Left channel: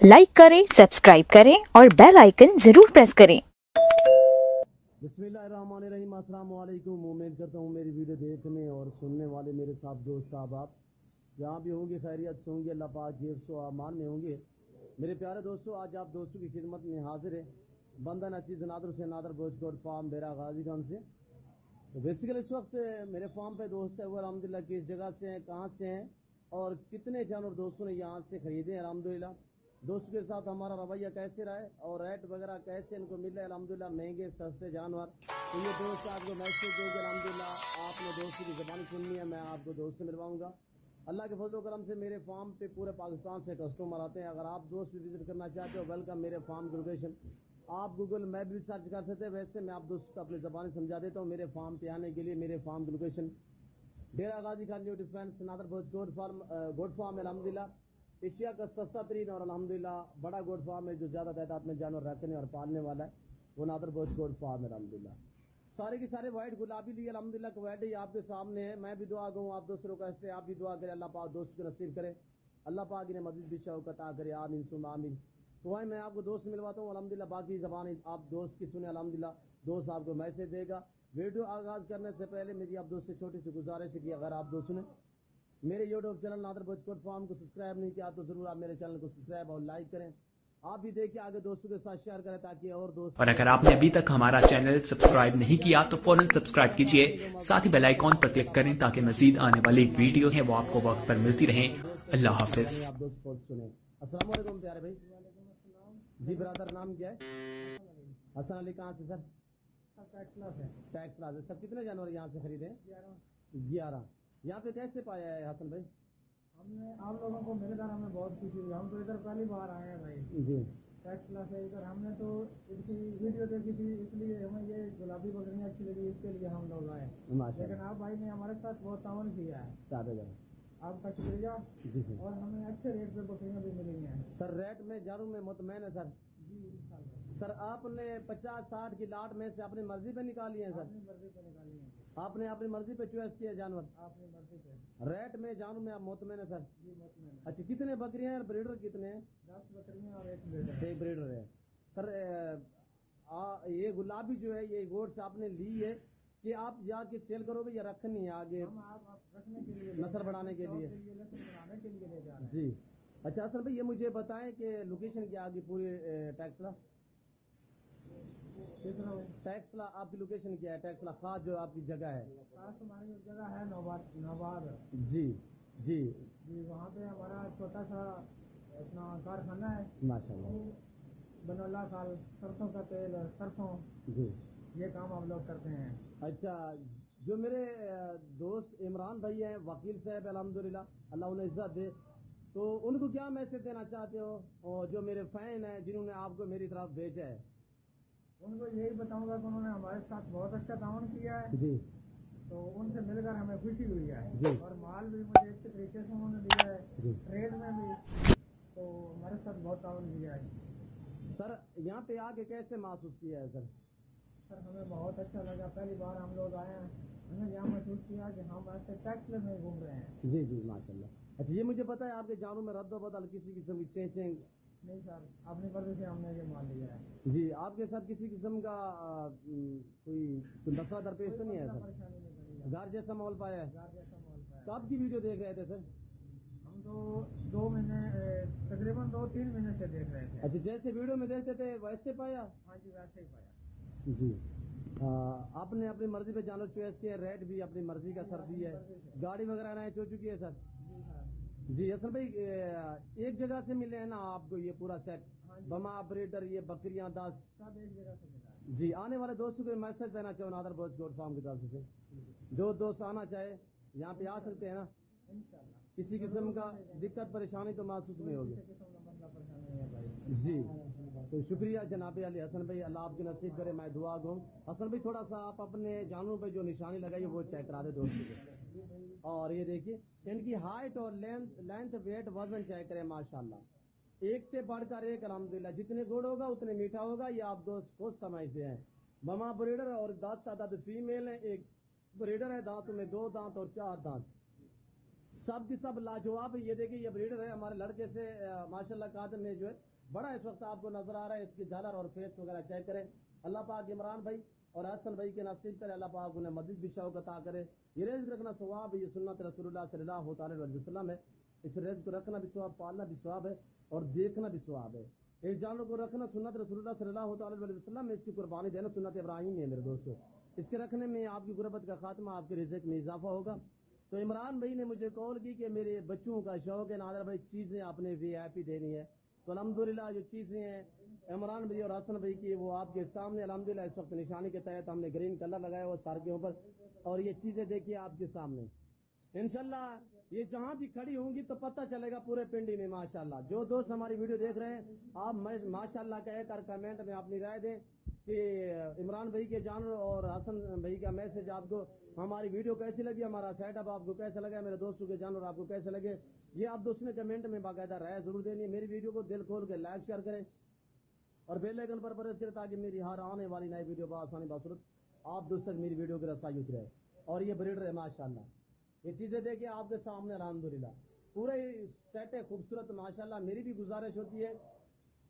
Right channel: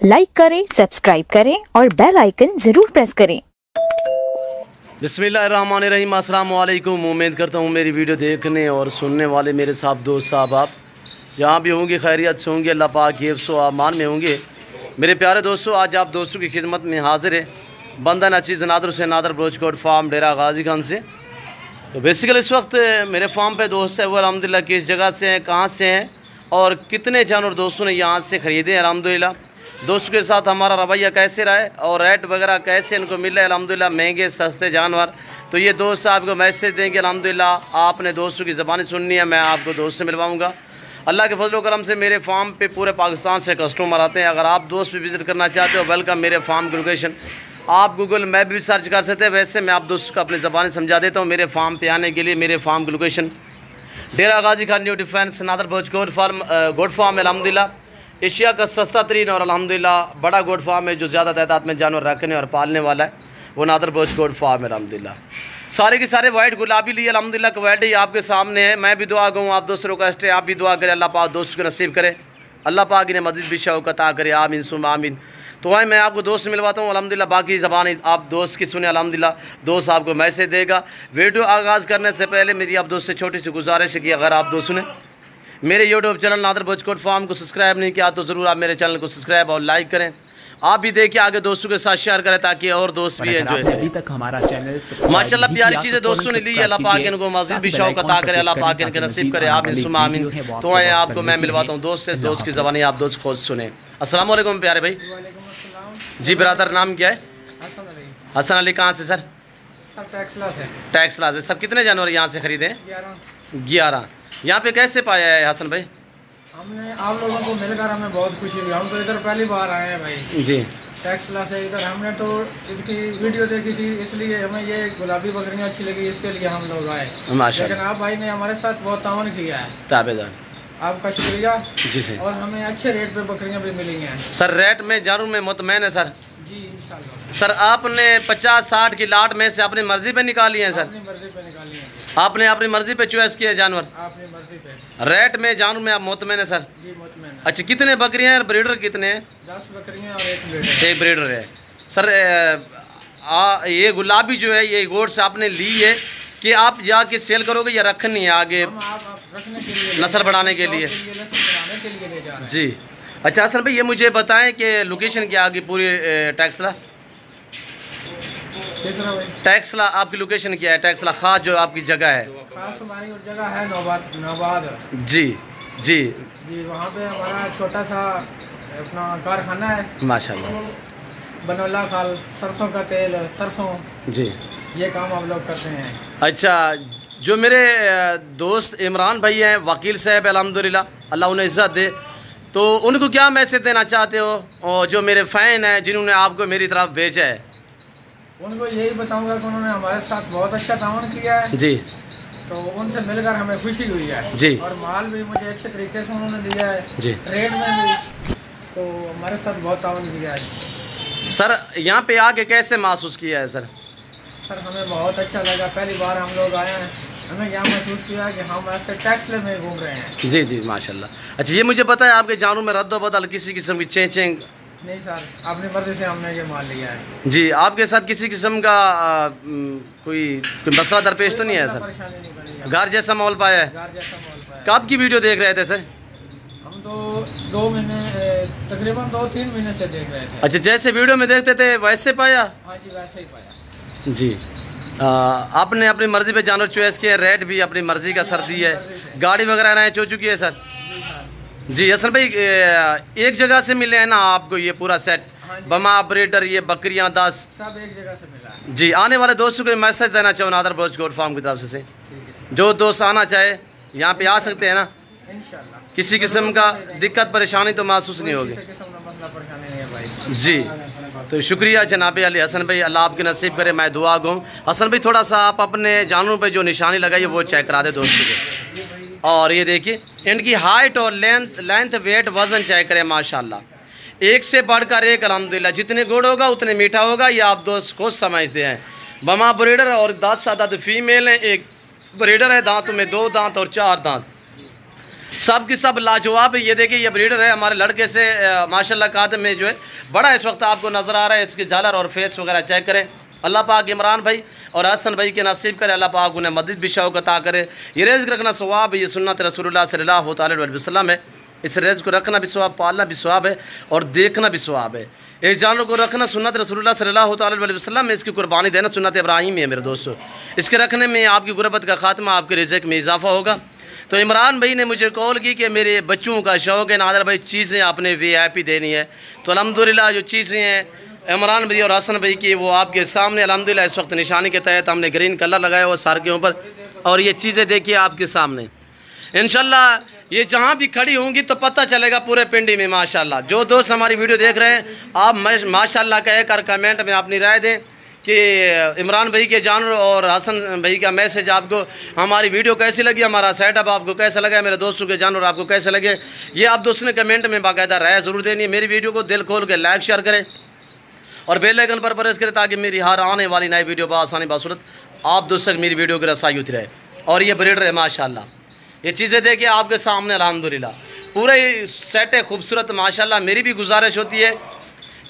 Like करें, subscribe करें और बेल आइकन जरूर प्रेस करें। बिस्मिल्लाहिर्रहमानिर्रहीम, अस्सलाम वालेकुम। उम्मीद करता हूँ मेरी वीडियो देखने और सुनने वाले मेरे साहब दोस्त साहब आप जहाँ भी होंगे खैरियत से होंगे, अल्लाह पाक के हिफ्ज़ व अमान में होंगे। मेरे प्यारे दोस्तों, आज आप दोस्तों की खिदमत में हाजिर है बंदा नचीज़ नादर हुसैन नादर ब्रोचकोट फार्म डेरा गाजी खान से। तो बेसिकली इस वक्त मेरे फार्म पे दोस्त है वो अल्हम्दुलिल्लाह किस जगह से हैं, कहाँ से हैं और कितने जानवर दोस्तों ने यहाँ से ख़रीदे हैं अल्हम्दुलिल्लाह। दोस्तों के साथ हमारा रवैया कैसे रहा है और रेट वगैरह कैसे इनको मिल रहा है अल्हम्दुलिल्लाह, महंगे सस्ते जानवर। तो ये दोस्त आपको मैसेज देंगे अल्हम्दुलिल्लाह, आपने दोस्तों की ज़बानी सुननी है, मैं आपको दोस्त से मिलवाऊँगा। अल्लाह के फजल करम से मेरे फार्म पे पूरे पाकिस्तान से कस्टमर आते हैं। अगर आप दोस्त भी विज़िट करना चाहते हो, वेलकम। मेरे फार्म की लोकेशन आप गूगल मैप भी सर्च कर सकते हैं, वैसे मैं आप दोस्तों को अपनी ज़बानी समझा देता हूँ। मेरे फार्म पे आने के लिए मेरे फार्म की लोकेशन डेरा गाजी खान न्यू डिफेंस नादर भोज गोड फार्म है अल्हम्दुलिल्लाह। एशिया का सस्ता तरीन और अल्हम्दुलिल्लाह बड़ा गोड फार्म है जो ज़्यादा तादाद में जानवर रखने और पालने वाला है, वो नादर भोज गोड फार्म है अल्हम्दुलिल्लाह। सारे के सारे वाइट गुलाबी लिए अल्हम्दुलिल्लाह क्वालिटी आपके सामने है। मैं भी दुआ कहूँ, आप दोस्तों को रिक्वेस्ट है आप भी दुआ करें, अल्लाह पाक दोस्तों को नसीब करे, अल्लाह पाक इन्हें मज़ीद भी शौक़ अता करे, आमीन सुम आमीन। तो वहीं मैं आपको दोस्त मिलवाता हूँ अल्हम्दुलिल्लाह। बाकी ज़बान आप दोस्त की सुने अल्हम्दुलिल्लाह, दोस्त आपको मैसेज देगा। वीडियो आगाज़ करने से पहले मेरी आप दोस्त से छोटी सी गुजारिश है कि अगर आप दोस्तों ने मेरे यूट्यूब चैनल नादर भोजकोट फार्म को सब्सक्राइब नहीं किया तो ज़रूर आप मेरे चैनल को सब्सक्राइब और लाइक करें। आप भी देखिए, आगे दोस्तों के साथ शेयर करें ताकि और दोस्त भी एंजॉय करें। अभी तक हमारा चैनल सब्सक्राइब माशाल्लाह प्यारी चीज़ें दोस्तों ने ली है, अल्लाह पाक इनको मज़ीद भी शौक़ अता करे, अल्लाह पाक इनके नसीब करे, आमीन सुम आमीन। तो आए आपको मैं मिलवाता हूँ दोस्त से, दोस्त की ज़बानी आप दोस्त खुद सुने। अस्सलाम वालेकुम प्यारे भाई। जी ब्रदर, नाम क्या है? हसन अली। कहाँ से सर? टैक्सला से। सर कितने जानवर यहाँ से खरीदे? 11। यहाँ पे कैसे पाया है हसन भाई? हमने आप लोगों को मिलकर हमें बहुत खुशी हुई। हम तो इधर पहली बार आए हैं भाई जी, टैक्सला से। इधर हमने तो इसकी वीडियो देखी थी, इसलिए हमें ये गुलाबी बकरियां अच्छी लगी, इसके लिए हम लोग आए। माशाल्लाह। लेकिन आप भाई ने हमारे साथ बहुत तावन किया है, ताबेदार आपका शुक्रिया। जी सर। और हमें अच्छे रेट पे बकरियां भी मिली हैं सर रेट में जानवर में मुतमैन है सर? जी इंशाल्लाह। सर आपने 50-60 की लाट में से अपनी मर्जी पे निकाली है सर? अपनी मर्जी पे निकाली है। आपने अपनी मर्जी पे चॉइस किया जानवर? अपनी मर्जी पे। रेट में जानवर में आप मुतमैन है सर? जी मुतमैन। अच्छा, कितने बकरियां हैं, ब्रीडर कितने हैं? 10 बकरियां और एक ब्रीडर। एक ब्रीडर है सर। ये गुलाबी जो है ये गोट से आपने ली है कि आप जाके सेल करोगे या रखनी है आगे हम आप रखने के लिए, नस्ल बढ़ाने के लिए? नस्ल बढ़ाने के लिए ले जा रहे हैं। जी। अच्छा हसन भाई, ये मुझे बताएं कि लोकेशन क्या आगे पूरी टैक्सला? तीसरा भाई टैक्सला आपकी लोकेशन क्या है? टैक्सला खास जो आपकी जगह है? खास हमारी जगह है नौबाद। जी जी जी, वहाँ पे हमारा छोटा सा अपना कारखाना है माशाल्लाह। बनोला खाल, सरसों का तेल, सरसों, जी ये काम आप लोग करते हैं। अच्छा, जो मेरे दोस्त इमरान भाई हैं, वकील साहब अल्हम्दुलिल्लाह, अल्लाह उन्हें इज़्ज़त दे, तो उनको क्या मैसेज देना चाहते हो? और जो मेरे फ़ैन हैं जिन्होंने आपको मेरी तरफ भेजा है, उनको यही बताऊंगा कि उन्होंने हमारे साथ बहुत अच्छा तावन किया है। जी, तो उनसे मिलकर हमें खुशी हुई है जी। और माल भी मुझे अच्छे तरीके से उन्होंने दिया है जी। रेट में भी, तो हमारे साथ बहुत तावन किया है। सर यहाँ पे आके कैसे महसूस किया है सर? सर हमें बहुत अच्छा लगा, पहली बार हम लोग आए हैं, हमें क्या महसूस किया कि हम ऐसे टैक्सले में घूम रहे हैं। जी जी माशाल्लाह। अच्छा, ये मुझे पता है आपके जानवर में रद्द बदल किसी किस्म की चेंज? नहीं सर, अपनी मर्जी से हमने ये माल लिया है। जी। आपके साथ किसी किस्म का कोई मसला दरपेश तो नहीं है सर? परेशानी नहीं बनी, घर जैसा माहौल पाया है? घर जैसा माहौल पाया। कब की वीडियो देख रहे थे सर? हम तो 2 महीने, तकरीबन 2-3 महीने से देख रहे थे। अच्छा, जैसे वीडियो में देखते थे वैसे पाया? हाँ जी, वैसे ही पाया। जी। आपने अपनी मर्ज़ी पे जानवर चॉइस किया, रेट भी अपनी मर्ज़ी का सर दी है, गाड़ी वगैरह अरेंज हो चुकी है सर? जी। असल भाई एक जगह से मिले हैं ना आपको ये पूरा सेट? बमा ब्रीडर, ये बकरियां 10 सब एक जगह से मिला है। जी। आने वाले दोस्तों को मैसेज देना चाहूँ नादर भोजकोट फार्म की तरफ से, जो दोस्त आना चाहे यहाँ पे आ सकते हैं ना? इंशाल्लाह किसी किस्म का दिक्कत परेशानी तो महसूस नहीं होगी? किसी किस्म का मसला परेशानी नहीं है भाई। जी। तो शुक्रिया जनाब अली हसन भाई, अल्लाह आपके नसीब करे, मैं दुआ गूँ। हसन भाई थोड़ा सा आप अपने जानवरों पे जो निशानी लगाई है वो चेक करा दे दोस्तों को। और ये देखिए इनकी हाइट और लेंथ वेट वज़न चेक करें, माशाल्लाह एक से बढ़कर एक अल्हम्दुलिल्लाह। जितने गुड़ होगा उतने मीठा होगा, ये आप दोस्त खुद समझते हैं। बमा ब्रीडर और 10 फीमेल हैं, एक ब्रीडर है, दांतों में 2 दांत और 4 दांत। سب کی سب لاجواب ہے. یہ دیکھیں یہ بریڈر ہے ہمارے لڑکے سے ماشاءاللہ قادم میں جو ہے بڑا اس وقت آپ کو نظر آ رہا ہے. اس کی جھالر اور فیس وغیرہ چیک کریں. اللہ پاک عمران بھائی اور حسن بھائی کے نصیب کرے. اللہ پاک انہیں مزید بھی شوق عطا کرے. یہ رزق رکھنا ثواب ہے. یہ سنت رسول اللہ صلی اللہ تعالی علیہ وسلم ہے. اس رزق کو رکھنا بھی ثواب, پالنا بھی ثواب ہے اور دیکھنا بھی ثواب ہے. ایک جانور کو رکھنا سنت رسول اللہ صلی اللہ تعالی علیہ وسلم میں, اس کی قربانی دینا سنت ابراہیم ہے میرے دوستو. اس کے رکھنے میں آپ کی غربت کا خاتمہ, آپ کے رزق میں اضافہ ہوگا. تو عمران بھائی نے مجھے کال کی کہ میرے بچوں کا شوق ہے نادر بھائی چیزیں اپنے وی آئی پی دینی ہے. تو الحمدللہ جو چیزیں ہیں عمران بھائی اور حسن بھائی کی وہ آپ کے سامنے الحمدللہ اس وقت نشانی کے تحت ہم نے گرین کلر لگایا ہوا سار کے اوپر. اور یہ چیزیں دیکھیے آپ کے سامنے انشاءاللہ یہ جہاں بھی کھڑی ہوں گی تو پتہ چلے گا پورے پنڈی میں ماشاءاللہ. جو دوست ہماری ویڈیو دیکھ رہے ہیں آپ ماشاءاللہ کہہ کر کمنٹ میں اپنی رائے دیں کہ عمران بھائی کے جانور اور حسن بھائی کا میسج آپ کو ہماری ویڈیو کیسی لگی, ہمارا سیٹ اپ آپ کو کیسا لگا, میرے دوستوں کے جانور آپ کو کیسے لگے. یہ آپ دوستوں نے کمنٹ میں باقاعدہ رائے ضرور دینی ہے. میری ویڈیو کو دل کھول کے لائک شیئر کریں اور بیل آئیکن پر پریس کریں تاکہ میری ہر آنے والی نئی ویڈیو بآسانی باصورت آپ دوست تک میری ویڈیو کی رسائی ہوتی رہے. اور یہ بریڈر ہے ماشاءاللہ. یہ چیزیں دیکھیں آپ کے سامنے الحمدللہ پورا ہی سیٹ ہے خوبصورت ماشاءاللہ. میری بھی گزارش ہوتی ہے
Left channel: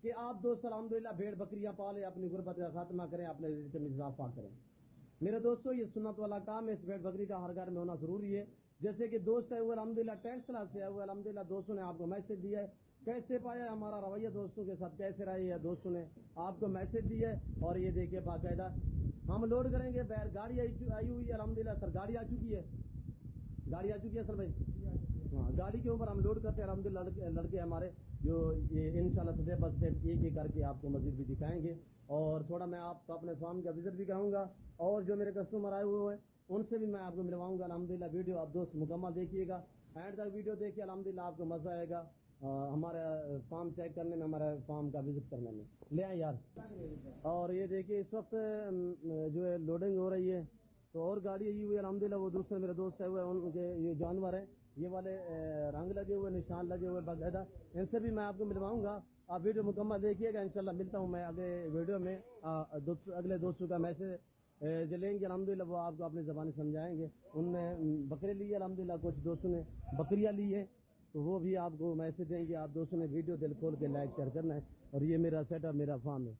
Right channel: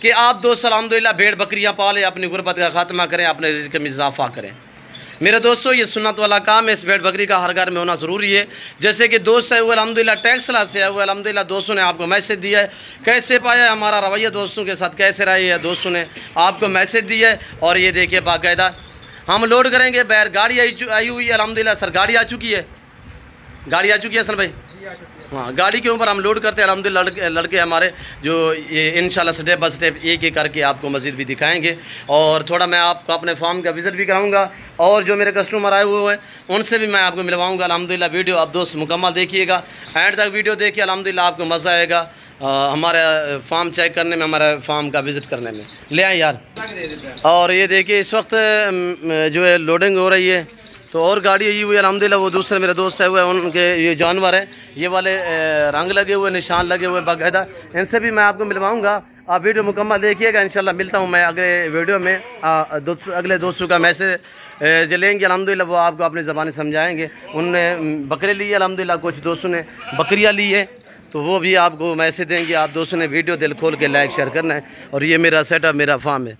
کہ آپ دوست الحمدللہ بھیڑ بکریاں پالیں, اپنی غربت کا خاتمہ کریں, اپنے رزق میں اضافہ کریں. میرے دوستو یہ سنت والا کام ہے. اس بھیڑ بکری کا ہر گھر میں ہونا ضروری ہے. جیسے کہ دوست ہے وہ الحمدللہ ٹیکسلا سے ہے, وہ الحمدللہ دوستوں نے آپ کو میسج دیا ہے. کیسے پایا ہمارا رویہ دوستوں کے ساتھ کیسے رہے ہے, دوستوں نے آپ کو میسج دیا ہے. اور یہ دیکھیے باقاعدہ ہم لوڈ کریں گے بیر گاڑی آئی ہوئی ہے الحمدللہ. سر گاڑی آ چکی ہے, گاڑی آ چکی ہے سر بھائی. ہاں گاڑی کے اوپر ہم لوڈ کرتے ہیں الحمدللہ. لڑکے ہمارے جو یہ انشاءاللہ سٹیپ بائی سٹیپ ایک ایک کر کے آپ کو مزید بھی دکھائیں گے. اور تھوڑا میں آپ کو اپنے فارم کا وزٹ بھی کراؤں گا اور جو میرے کسٹمر آئے ہوئے ہیں ان سے بھی میں آپ کو ملواؤں گا الحمدللہ. ویڈیو آپ دوست مکمل دیکھیے گا, اینڈ تک ویڈیو دیکھیے الحمدللہ آپ کو مزہ آئے گا ہمارا فارم چیک کرنے میں, ہمارا فارم کا وزٹ کرنے میں. لے آئیں یار. اور یہ دیکھیے اس وقت جو ہے لوڈنگ ہو رہی ہے تو اور گاڑی آئی ہوئی ہے الحمدللہ. وہ دوسرے میرے دوست ہوئے ہیں ان کے یہ جانور ہیں, یہ والے رنگ لگے ہوئے, نشان لگے ہوئے باقاعدہ. ان سے بھی میں آپ کو ملواؤں گا. آپ ویڈیو مکمل دیکھیے گا. انشاءاللہ ملتا ہوں میں اگلے ویڈیو میں. اگلے دوستوں کا میسج جو لیں گے الحمدللہ وہ آپ کو اپنی زبانیں سمجھائیں گے. ان نے بکرے لیے الحمدللہ, کچھ دوستوں نے بکریاں لی ہے تو وہ بھی آپ کو میسج دیں گے. آپ دوستوں نے ویڈیو دل کھول کے لائک شیئر کرنا ہے. اور یہ میرا سیٹ اپ, میرا فارم ہے.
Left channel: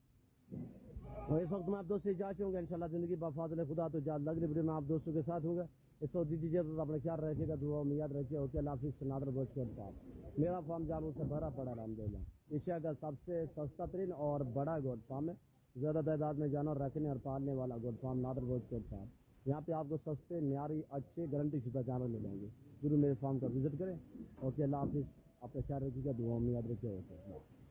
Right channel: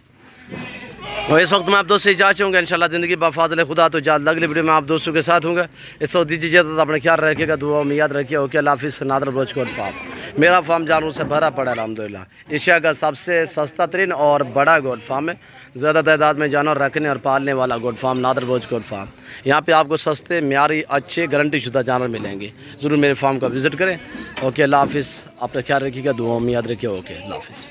اور اس وقت میں آپ دوست سے اجازت چاہوں گا انشاءاللہ زندگی بفاضل خدا تو جلد اگلی ویڈیو میں آپ دوستوں کے ساتھ ہوں گا. اس وقت دیجیے اجازت, اپنے خیال رکھیے گا, دعا میں یاد رکھیے. اوکے اللہ حافظ. نادر بلوچ کوٹ فارم میرا فارم جانوروں سے بھرا پڑا الحمدللہ. ایشیا کا سب سے سستا ترین اور بڑا گوٹ فارم ہے. زیادہ تعداد میں جانور رکھنے اور پالنے والا گوٹ فارم نادر بلوچ کوٹ فارم. یہاں پہ آپ کو سستے معیاری اچھے گارنٹی شدہ جانور ملیں گے. ضرور میرے فارم کا وزٹ کریں. اوکے اللہ حافظ. اپنا خیال رکھیے گا, دعا میں یاد رکھیے. اوکے اللہ حافظ.